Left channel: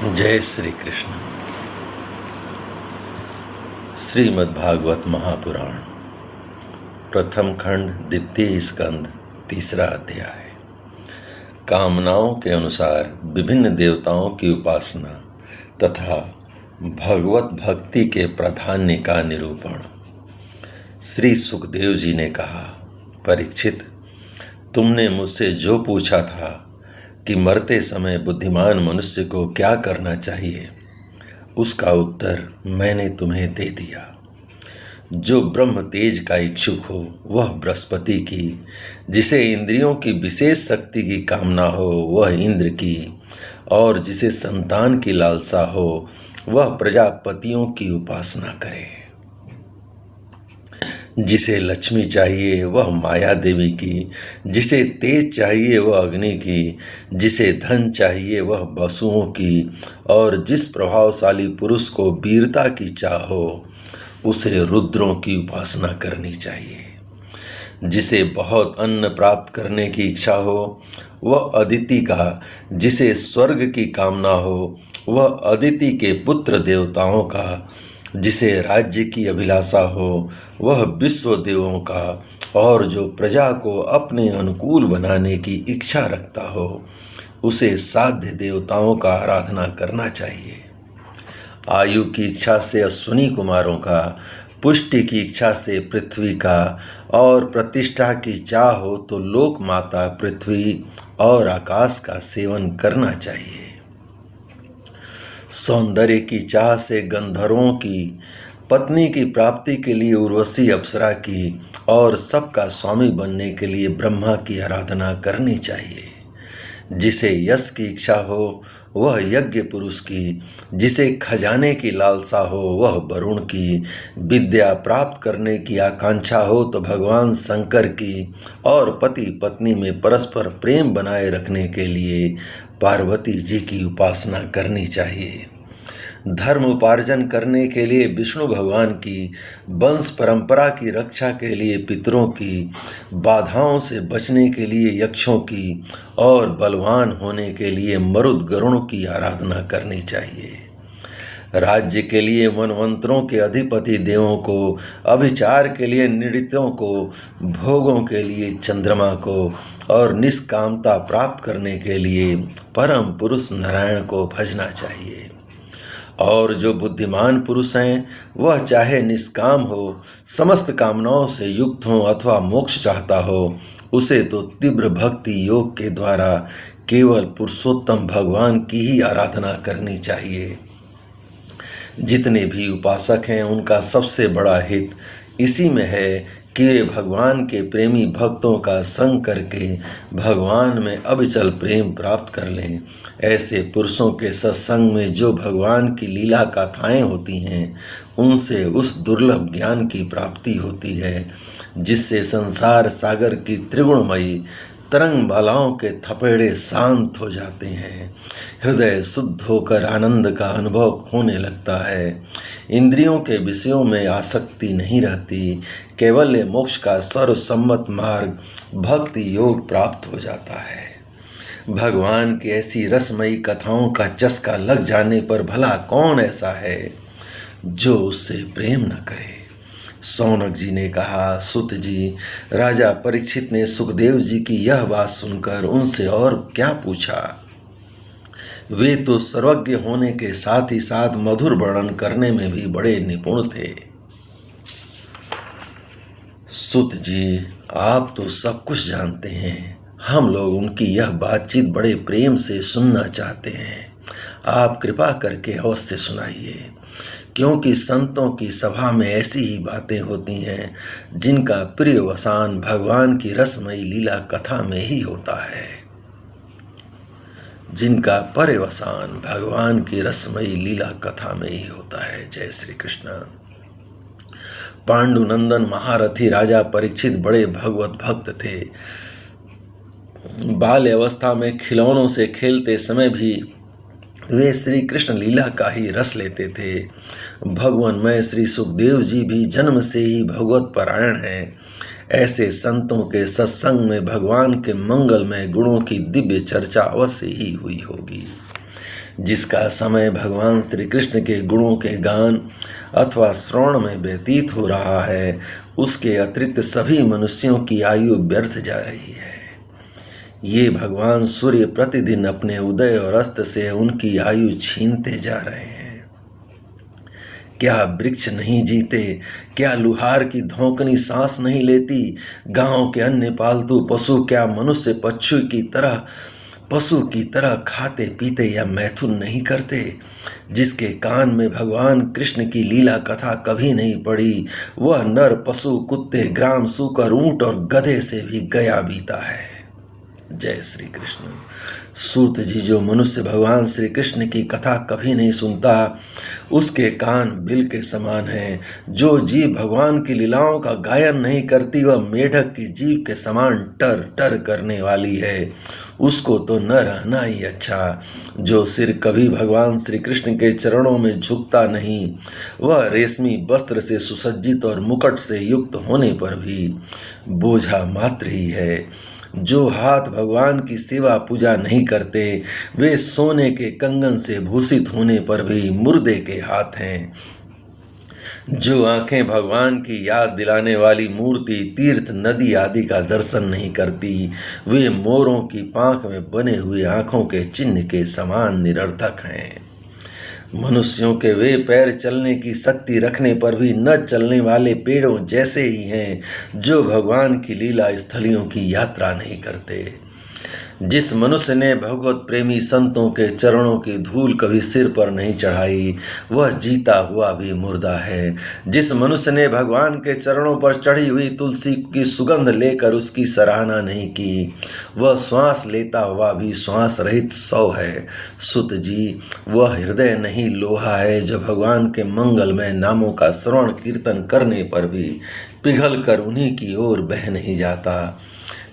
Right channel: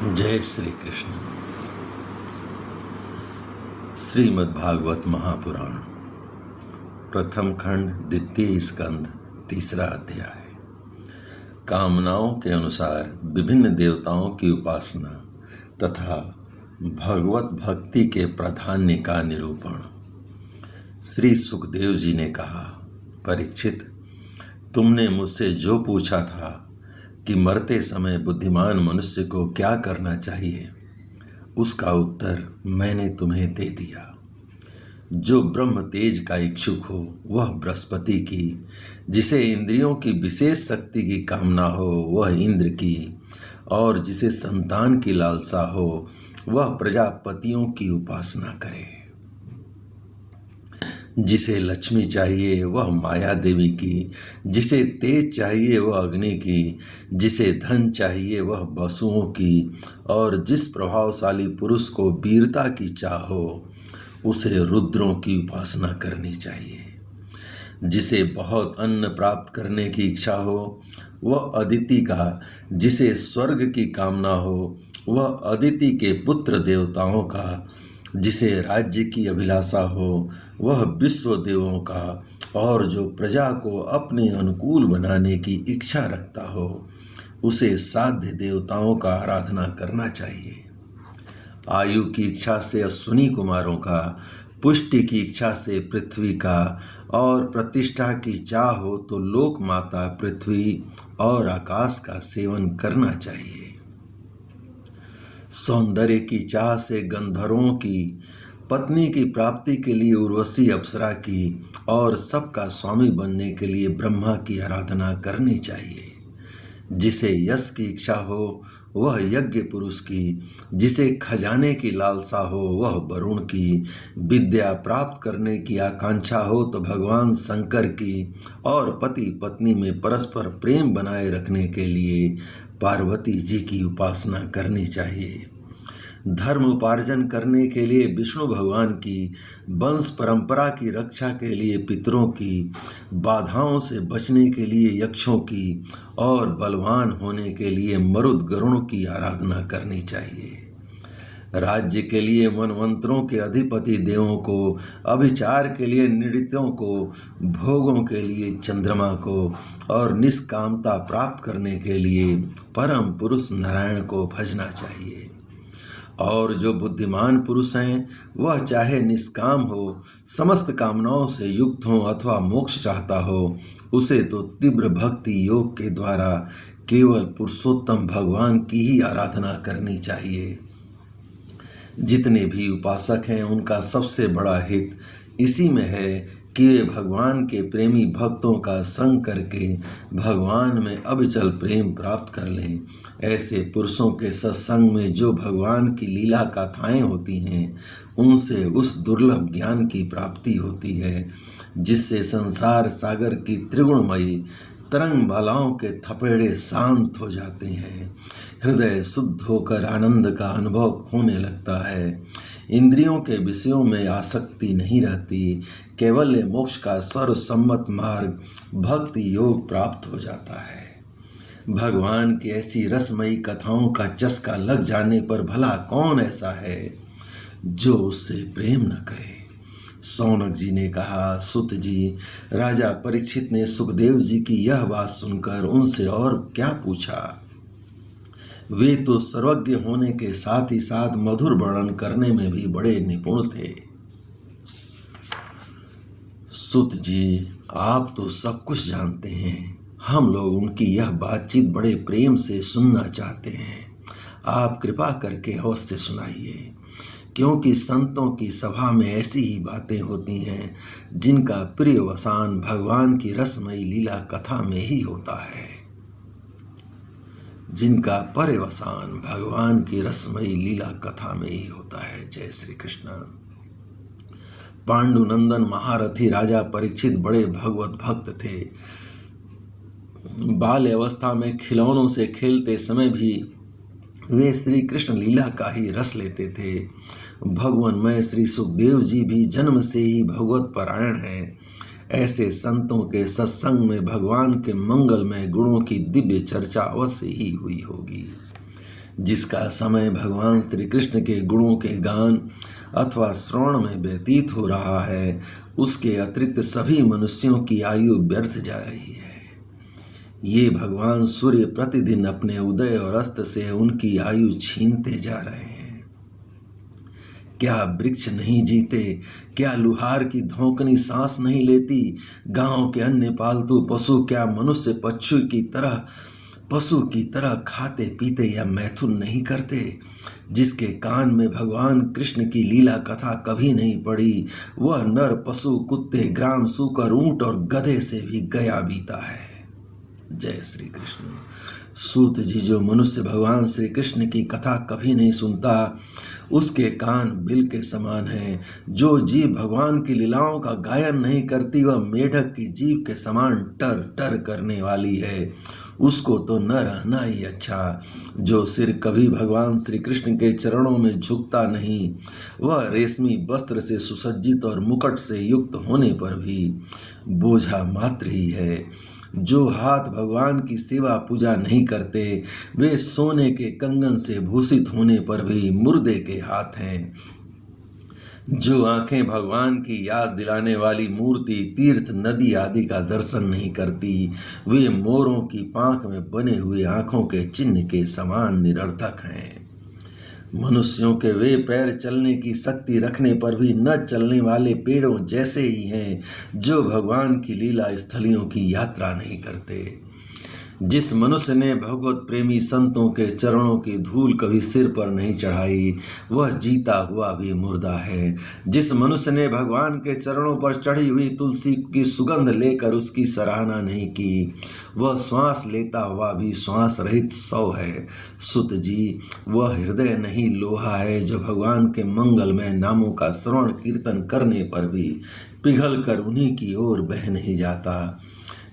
जय श्री कृष्ण। श्रीमद् भागवत महापुराण प्रथम खंड द्वितीय स्कंद तीसरा अध्याय। कामनाओं के अनुसार विभिन्न देवताओं की उपासना तथा भगवत भक्ति के प्राधान्य का निरूपण। श्री सुखदेव जी ने कहा, परीक्षित, तुमने मुझसे जो पूछा था कि मरते समय बुद्धिमान मनुष्य को क्या करना चाहिए, उसका उत्तर मैंने तुम्हें दे दिया। जो ब्रह्म तेज का इच्छुक हो वह बृहस्पति की, जिसे इंद्रियों की विशेष शक्ति की कामना हो वह इंद्र की, और जिसे संतान की लालसा हो वह प्रजापतियों की उपासना करे। जिसे लक्ष्मी चाहिए वह माया देवी की, जिसे तेज चाहिए वह अग्नि की, जिसे धन चाहिए वह वसुओं की, और जिस प्रभावशाली पुरुष को वीरता की चाह हो उसे रुद्रों की उपासना करनी चाहिए। जिसे बहुत अन्न प्राप्त करने की इच्छा हो वह अदिति का, जिसे स्वर्ग की कामना हो वह अदिति के पुत्र देवताओं का, जिसे राज्य की अभिलाषा हो वह विश्व देवों का, और जो प्रजा को अपने अनुकूल बनाने की इच्छा रखता हो उसे साध्य देवताओं का आराधना करना चाहिए। आयु की इच्छा से अश्विनी कुमारों का, पुष्टि की इच्छा से पृथ्वी का, और प्रतिष्ठा की चाह हो तो लोक माता पृथ्वी और आकाश का सेवन करना चाहिए। सौंदर्य की चाह से गंधर्वों की, पत्नी की प्राप्ति के लिए उर्वशी अप्सरा की, और सबका स्वामी बनने के लिए ब्रह्मा की आराधना करनी चाहिए। जिसे यश की इच्छा हो वह यज्ञ पुरुष की, जिसे खजाने की लालसा हो वह वरुण की, विद्या प्राप्त करने की आकांक्षा हो तो भगवान शंकर की, और पति पत्नी में परस्पर प्रेम बनाए रखने के लिए पार्वती जी की उपासना करनी चाहिए। धर्म उपार्जन करने के लिए विष्णु भगवान की, वंश परंपरा की रक्षा के लिए पितरों की, बाधाओं से बचने के लिए यक्षों की, और बलवान होने के लिए मरुद गरुड़ की आराधना करनी चाहिए। राज्य के लिए वनवंतरों के अधिपति देवों को, अभिचार के लिए नृत्यों को, भोगों के लिए चंद्रमा को, और निष्कामता प्राप्त करने के लिए परम पुरुष नारायण को भजना चाहिए। और जो बुद्धिमान पुरुष हैं वह चाहे निष्काम हो, समस्त कामनाओं से युक्त हो अथवा मोक्ष चाहता हो, उसे तो तीव्र भक्ति योग के द्वारा केवल पुरुषोत्तम भगवान की ही आराधना करनी चाहिए। जितने भी उपासक हैं उनका सबसे बड़ा हित इसी में है कि वे भगवान के प्रेमी भक्तों का संग करके भगवान में अविचल प्रेम प्राप्त कर लें। ऐसे पुरुषों के सत्संग में जो भगवान की लीला कथाएं होती हैं उनसे उस दुर्लभ ज्ञान की प्राप्ति होती है जिससे संसार सागर की त्रिगुणमयी तरंग बालाओं के थपेड़े शांत हो जाते हैं। हृदय शुद्ध होकर आनंद का अनुभव होने लगता है। इंद्रियों के विषयों में आसक्ति नहीं रहती। कैवल्य मोक्ष का सर्वसम्मत मार्ग भक्ति योग प्राप्त हो जाता है। भगवान की ऐसी रसमयी कथाओं का चस्का लग जाने पर भला कौन ऐसा है जो उससे प्रेम न करे। सौनक जी ने कहा, सुत जी, राजा परीक्षित ने सुखदेव जी की यह बात सुनकर उनसे और क्या पूछा। वे तो सर्वज्ञ होने के साथ ही साथ मधुर वर्णन करने में भी बड़े निपुण थे। सुत जी, आप तो सब कुछ जानते हैं। हम लोग उनकी यह बातचीत बड़े प्रेम से सुनना चाहते हैं। आप कृपा करके अवश्य सुनाइए, क्योंकि संतों की सभा में ऐसी ही बातें होती हैं जिनका प्रियवसान भगवान की रसमयी लीला कथा में ही होता है। जिनका पर्यवसान भगवान की रसमयी लीला कथा में ही होता है। जय श्री कृष्ण। पांडुनंदन महारथी राजा परीक्षित बड़े भगवत भक्त थे। बाल्य अवस्था में खिलौनों से खेलते समय भी वे श्री कृष्ण लीला का ही रस लेते थे। भगवानमय श्री सुखदेव जी भी जन्म से ही भगवत परायण हैं। ऐसे संतों के सत्संग में भगवान के मंगलमय गुणों की दिव्य चर्चा अवश्य ही हुई होगी। जिसका समय भगवान श्री कृष्ण के गुणों के गान अथवा श्रवण में व्यतीत हो रहा है, उसके अतिरिक्त सभी मनुष्यों की आयु व्यर्थ जा रही है। ये भगवान सूर्य प्रतिदिन अपने उदय और अस्त से उनकी आयु छीनते जा रहे हैं। क्या वृक्ष नहीं जीते? क्या लुहार की धौंकनी सांस नहीं लेती? गांव के अन्य पालतू पशु क्या मनुष्य पशु की तरह खाते पीते या मैथुन नहीं करते? जिसके कान में भगवान कृष्ण की लीला कथा कभी नहीं पड़ी, वह नर पशु कुत्ते ग्राम सूकर ऊंट और गधे से भी गया बीता है। जय श्री कृष्ण। सूत जी, जो मनुष्य भगवान श्री कृष्ण की कथा कभी नहीं सुनता, उसके कान बिल के समान हैं। जो जीव भगवान की लीलाओं का गायन नहीं करती, वह मेढक की जीव के समान टर टर करने वाली है। उसको तो न रहना ही अच्छा। जो सिर कभी भगवान श्री कृष्ण के चरणों में झुकता नहीं, वह रेशमी वस्त्र से सुसज्जित और मुकुट से युक्त होने पर भी बोझा मात्र ही है। जो हाथ भगवान की सेवा पूजा नहीं करते, वे सोने के कंगन से भूषित होने पर भी मुर्दे के हाथ हैं। जो आंखें भगवान की याद दिलाने वाली मूर्ति, तीर्थ, नदी आदि का दर्शन नहीं करती, वे मोरों की पांख में बने हुए आंखों के चिन्ह के समान निरर्थक हैं। मनुष्यों के वे पैर चलने की शक्ति रखने पर भी न चलने वाले पेड़ों जैसे ही हैं, जो भगवान की लीला स्थलियों की यात्रा नहीं करते। जिस मनुष्य ने भगवत प्रेमी संतों के चरणों की धूल कभी सिर पर नहीं चढ़ाई, वह जीता हुआ भी मुर्दा है। जिस मनुष्य ने भगवान के चरणों पर चढ़ी हुई तुलसी की सुगंध लेकर उसकी सराहना नहीं की, वह श्वास लेता हुआ भी श्वास रहित शव है। सुत जी, वह हृदय नहीं लोहा है जो भगवान के मंगलमय नामों का श्रवण कीर्तन करने पर भी पिघल कर उन्हीं की ओर बह नहीं जाता।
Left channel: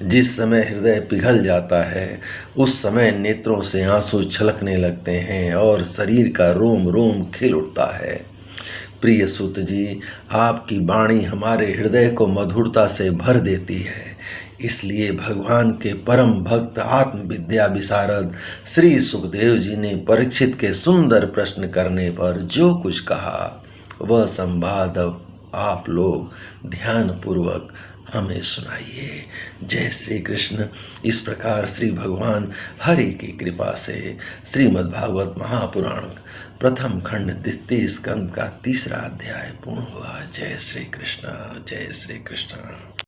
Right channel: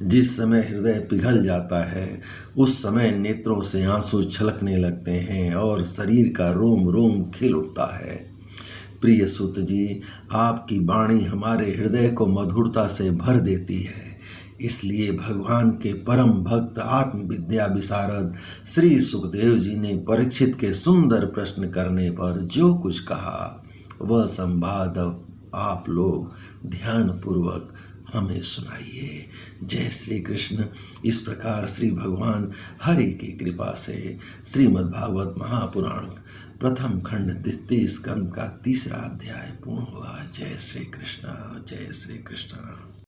जिस समय हृदय पिघल जाता है, उस समय नेत्रों से आंसू छलकने लगते हैं और शरीर का रोम रोम खिल उठता है। प्रिय सुत जी, आपकी वाणी हमारे हृदय को मधुरता से भर देती है। इसलिए भगवान के परम भक्त आत्मविद्या विशारद श्री सुखदेव जी ने परीक्षित के सुंदर प्रश्न करने पर जो कुछ कहा, वह संवाद आप लोग ध्यान पूर्वक हमें सुनाइए। जय श्री कृष्ण। इस प्रकार श्री भगवान हरि की कृपा से श्रीमद् भागवत महापुराण प्रथम खंड 33 स्कंद का 3रा अध्याय पूर्ण हुआ। जय श्री कृष्ण। जय श्री कृष्ण।